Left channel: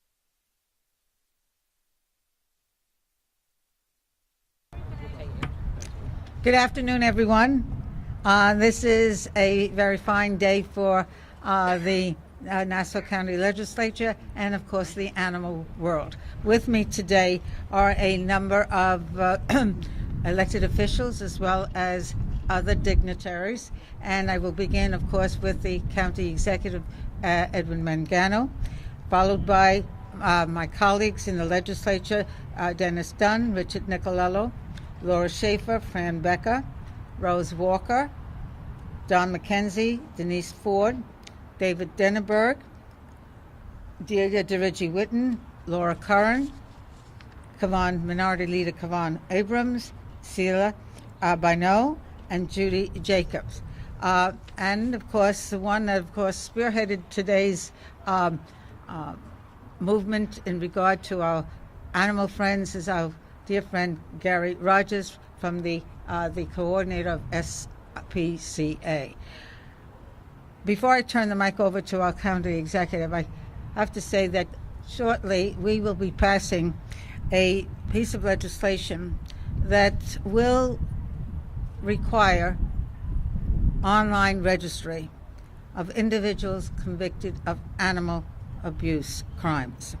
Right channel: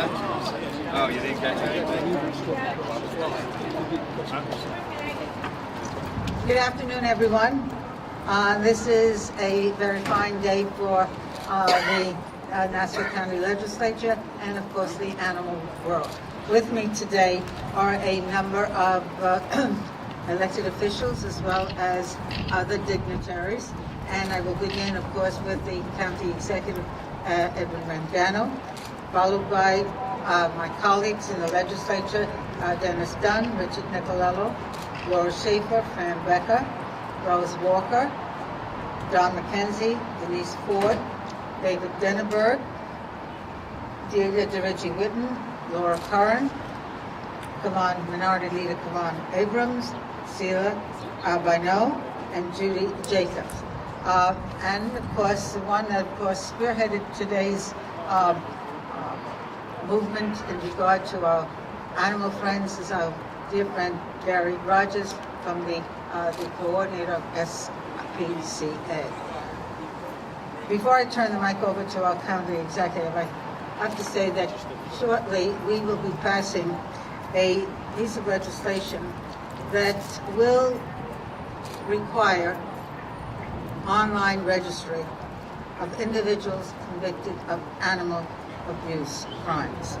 Oh, you didn't catch anything? Good afternoon, everyone. This is a very fine day for the Nassau County Legislature and, of course, the animal world. With me today are a number of elected officials as well as other dignitaries. And I will begin, of course, with the County Executive, Edwin Mangano, followed by my colleagues in the legislature, Dennis Dunn, Richard Nicolello, Laura Schaefer, Fran Becker, Rose Walker, Don McKenzie, Denise Ford, David Denneberg, Delia DeRicci Witten, Laura Curran, Minority Leader Kavan Abrams, Sheila Bino, and Judy Jacobs. And of course, the one that of course spearheaded today's movement in regard to our animal friends is our dear friend Gary Rogers from the coordinator of SPCA. Before I turn the mic over to our county executive, I have to say that shortly we will be passing a piece of legislation that will require online registry of individuals convicted of animal abuse crimes.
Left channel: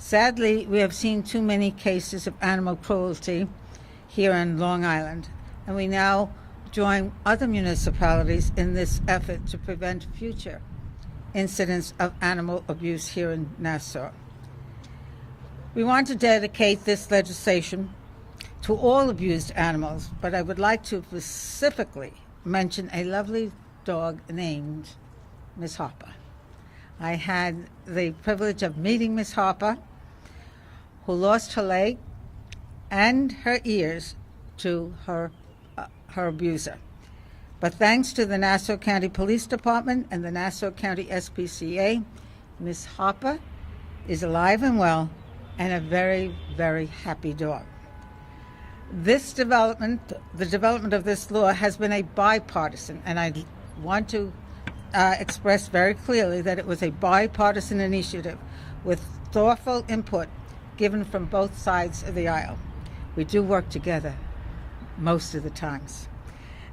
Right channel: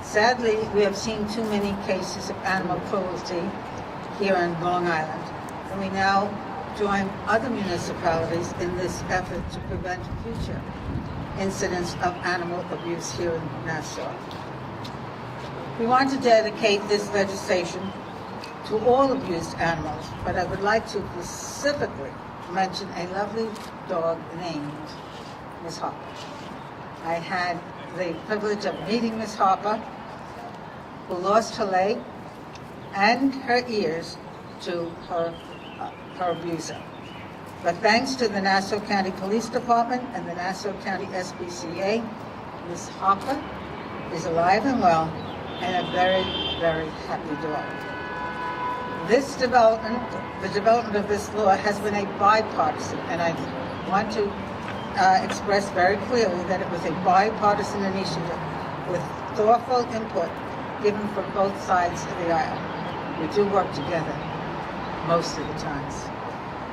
Sadly, we have seen too many cases of animal cruelty here in Long Island, and we now join other municipalities in this effort to prevent future incidents of animal abuse here in Nassau. We want to dedicate this legislation to all abused animals, but I would like to specifically mention a lovely dog named Miss Harper. I had the privilege of meeting Miss Harper, who lost her leg and her ears to her abuser. But thanks to the Nassau County Police Department and the Nassau County SPCA, Miss Harper is alive and well and a very, very happy dog. This development, the development of this law has been a bipartisan, and I want to express very clearly that it was a bipartisan initiative with thoughtful input given from both sides of the aisle. We do work together most of the times.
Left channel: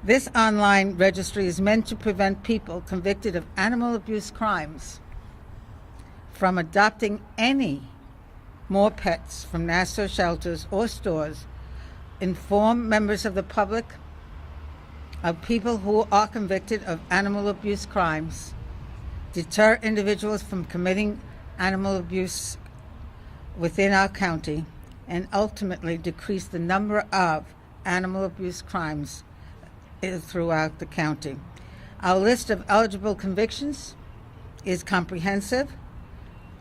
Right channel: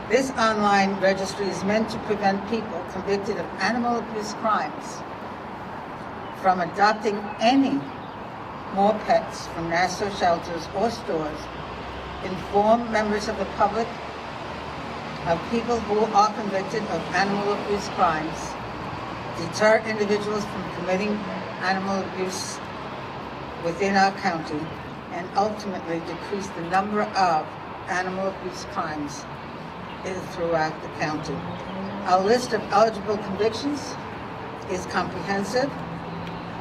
This online registry is meant to prevent people convicted of animal abuse crimes from adopting any more pets from Nassau shelters or stores, inform members of the public of people who are convicted of animal abuse crimes, deter individuals from committing animal abuse within our county, and ultimately decrease the number of animal abuse crimes throughout the county. Our list of eligible convictions is comprehensive.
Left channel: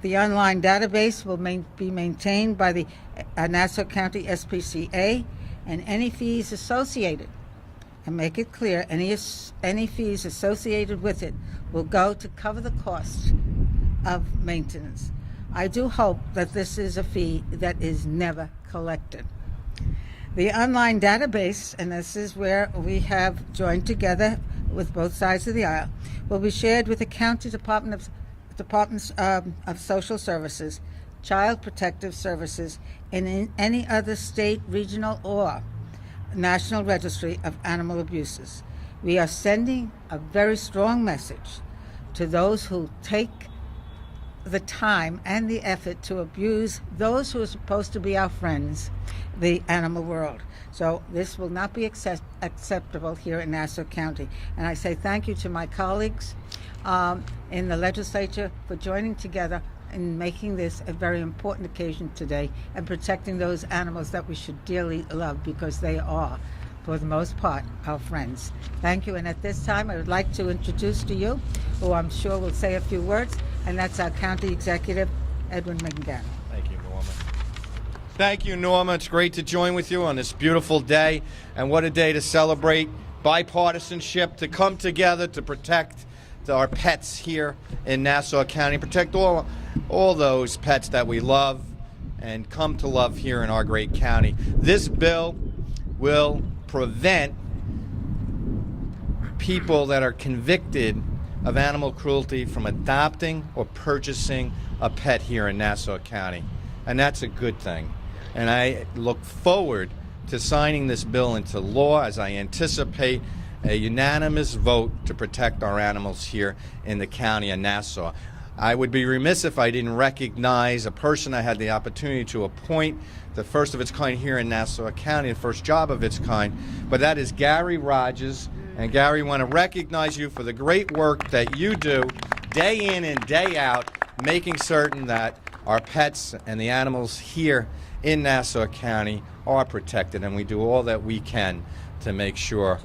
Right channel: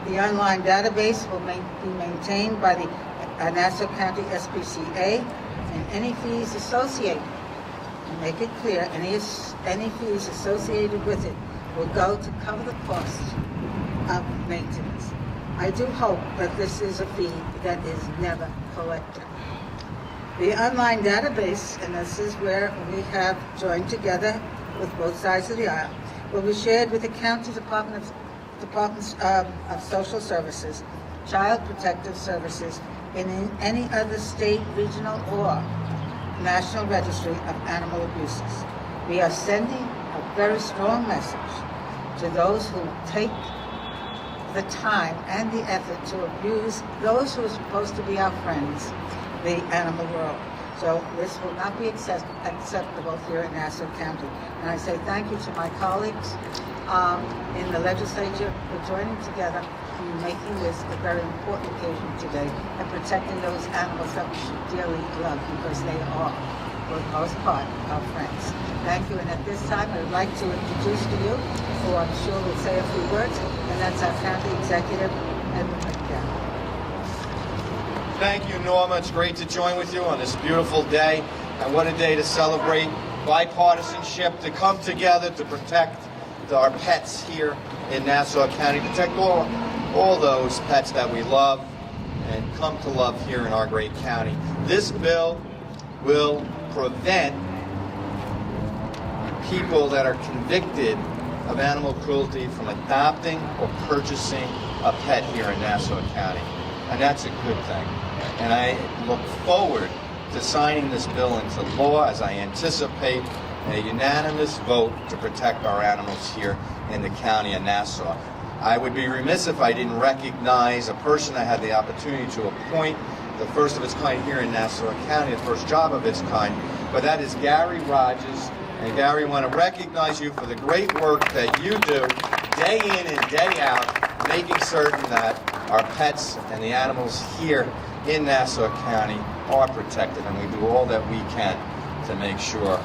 The online database will be maintained by the Nassau County SPCA, and any fees associated, to make it clear, any fees associated with it will go to cover the cost of maintenance. I do hope that this is a fee that is never collected. The online database, and this is where we have joined together with both sides of the aisle, will be shared with the County Departments of Social Services, Child Protective Services, and in any other state, regional, or national registry of animal abuses. We are sending a very strong message to those who take the time and the effort to abuse those who are supposed to be our friends, the animal world. So this will not be acceptable here in Nassau County. And I say thank you to my colleagues in the legislature for joining together and making this a very important occasion today and protecting those animals that we should dearly love, because they are, for the most part, our friends. Thank you, and at this time I would like to introduce to you, who I'm sure will say a few words, and that's our County Executive, Edwin Mangano. Thank you, Norma. It's great to join with you on this beautiful day, and what a day to celebrate bipartisanship, to come together to protect our pets here in Nassau County, protect all those pets that we love and come to love here in our great county. This bill will prevent people that are convicted of animal cruelty from adopting or purchasing a pet here in Nassau County. And that's a good thing. And I look forward to signing this bill into law as I anticipate a unanimous vote to protect our animals here in the county of Nassau. I would be remiss if I didn't recognize a person I had the opportunity to appoint, the first of its kind here in Nassau County, the first job of its kind, but that is Gary Rogers. And Gary, I want to recognize you for the great work that you do day in and day out, making certain that our pets and the animals here in Nassau County are protected, and we do all that we can to make sure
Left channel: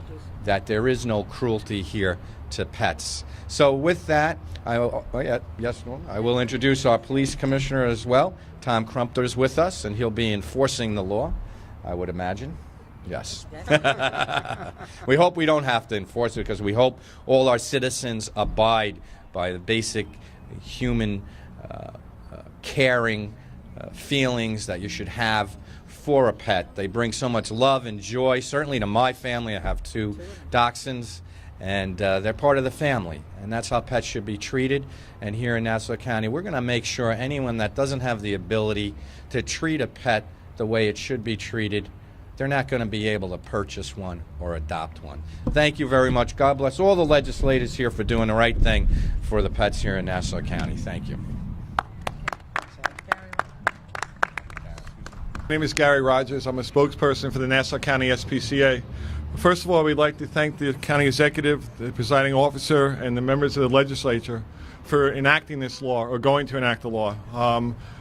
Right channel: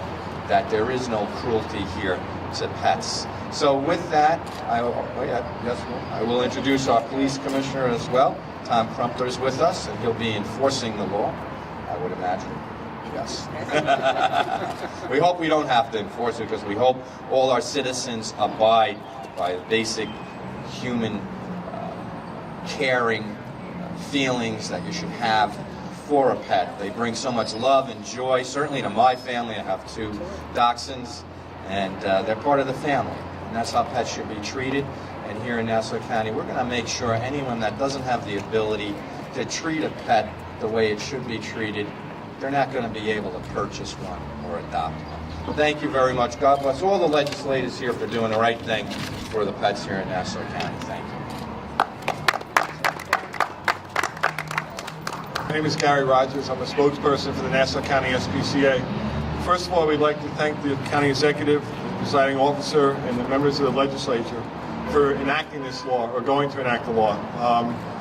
that there is no cruelty here to pets. So with that, I will introduce our police commissioner as well. Tom Crumpler is with us, and he'll be enforcing the law, I would imagine. Yes. We hope we don't have to enforce it, because we hope all our citizens abide by the basic human caring feelings that you should have for a pet. They bring so much love and joy, certainly to my family. I have 2 dachshunds, and they're part of the family. And that's how pets should be treated. And here in Nassau County, we're going to make sure anyone that doesn't have the ability to treat a pet the way it should be treated, they're not going to be able to purchase one or adopt one. Thank you very much. God bless all the legislators here for doing the right thing for the pets here in Nassau County. Thank you. My name is Gary Rogers. I'm a spokesperson for the Nassau County SPCA. First of all, we'd like to thank the county executive, the presiding officer, and the members of the legislature for enacting this law, or going to enact the law.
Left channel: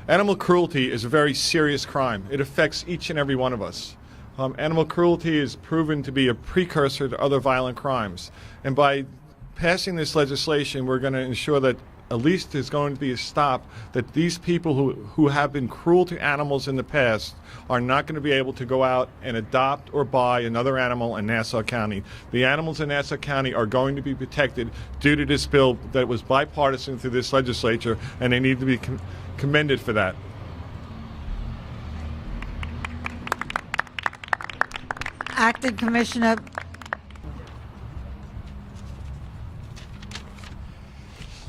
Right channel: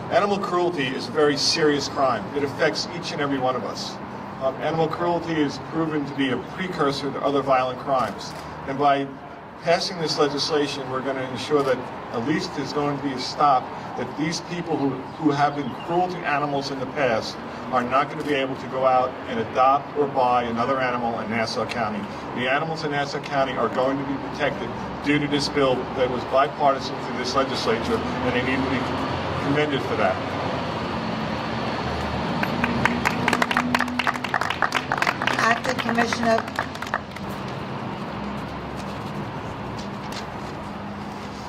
Animal cruelty is a very serious crime. It affects each and every one of us. Animal cruelty is proven to be a precursor to other violent crimes. And by passing this legislation, we're going to ensure that at least there's going to be a stop, that these people who have been cruel to animals in the past are not going to be able to go out and adopt or buy another animal in Nassau County. The animals in Nassau County are going to be protected due to this bill that was bipartisan through this legislature, and they need to be commended for that. Acting Commissioner.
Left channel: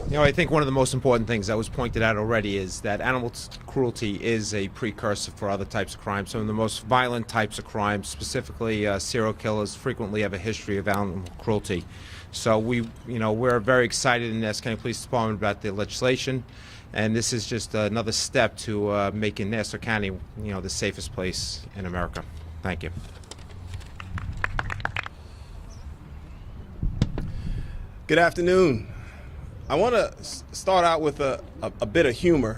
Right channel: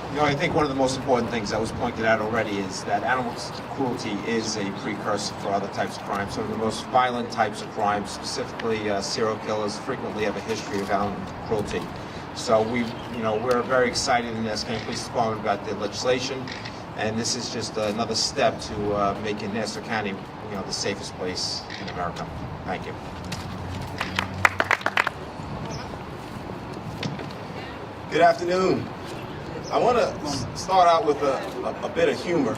You know, I think one of the most important things that was pointed out already is that animal cruelty is a precursor for other types of crimes. Some of the most violent types of crimes, specifically serial killers, frequently have a history of animal cruelty. So we're very excited in the Nassau County Police Department about the legislation, and this is just another step to making Nassau County, the safest place in America. Thank you. Good afternoon. I want to start out with a bit of humor.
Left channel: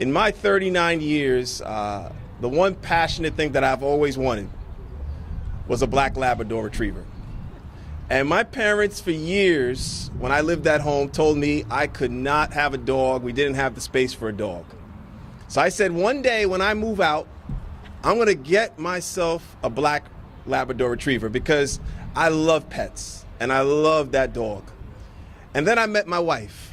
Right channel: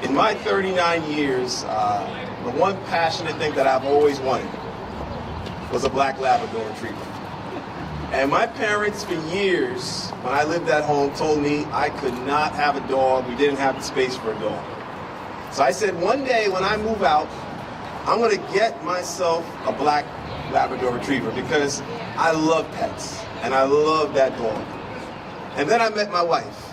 In my 39 years, the one passionate thing that I've always wanted was a black Labrador retriever. And my parents, for years, when I lived at home, told me I could not have a dog. We didn't have the space for a dog. So I said, one day when I move out, I'm going to get myself a black Labrador retriever, because I love pets and I love that dog. And then I met my wife,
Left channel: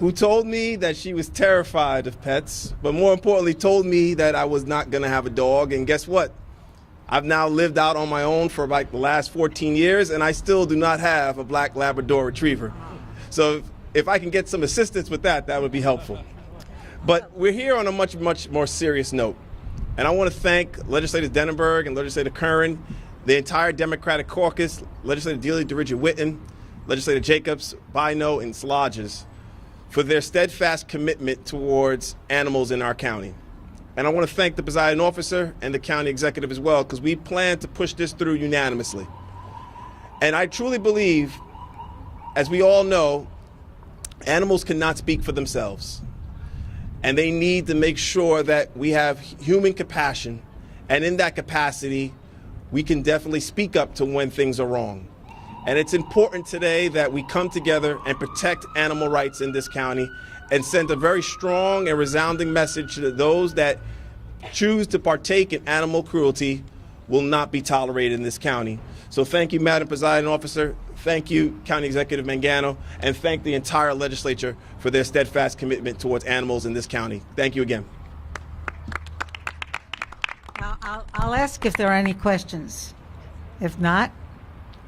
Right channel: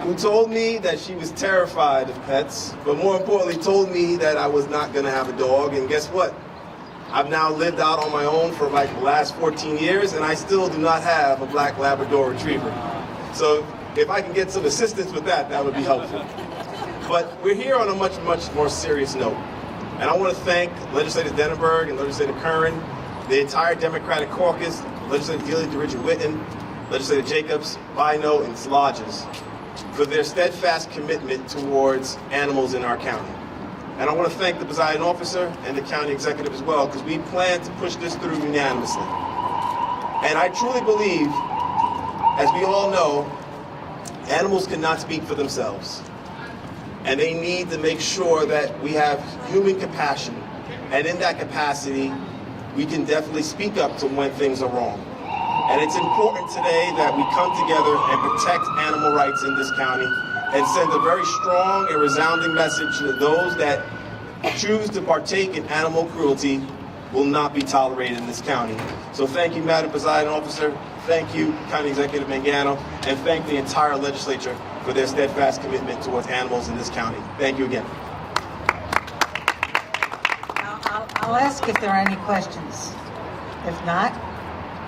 who told me that she was terrified of pets, but more importantly told me that I was not going to have a dog. And guess what? I've now lived out on my own for like the last 14 years, and I still do not have a black Labrador retriever. So if I can get some assistance with that, that would be helpful. But we're here on a much, much more serious note. And I want to thank Legislator Denenberg and Legislator Curran, the entire Democratic caucus, Legislator Dealey, DeRidge Whitten, Legislator Jacobs, Bino, and Slodges for their steadfast commitment towards animals in our county. And I want to thank the presiding officer and the county executive as well, because we plan to push this through unanimously. And I truly believe, as we all know, animals cannot speak for themselves. And they need to make sure that we have human compassion, and in that capacity, we can definitely speak up to when things are wrong. And it's important today that we come together and protect animal rights in this county and send a very strong and resounding message to those that choose to partake in animal cruelty will not be tolerated in this county. So thank you, Madam Presiding Officer. Thank you, County Executive Mangano, and thank the entire legislature for their steadfast commitment towards animals in this county. Thank you again. I'll ask if there are any questions. If not,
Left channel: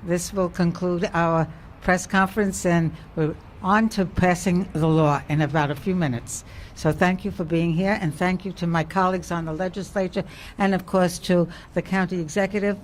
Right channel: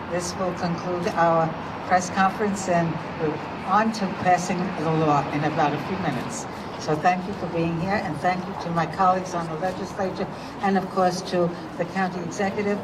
this will conclude our press conference, and we're on to passing the law in about a few minutes. So thank you for being here, and thank you to my colleagues on the legislature, and of course to the county executive.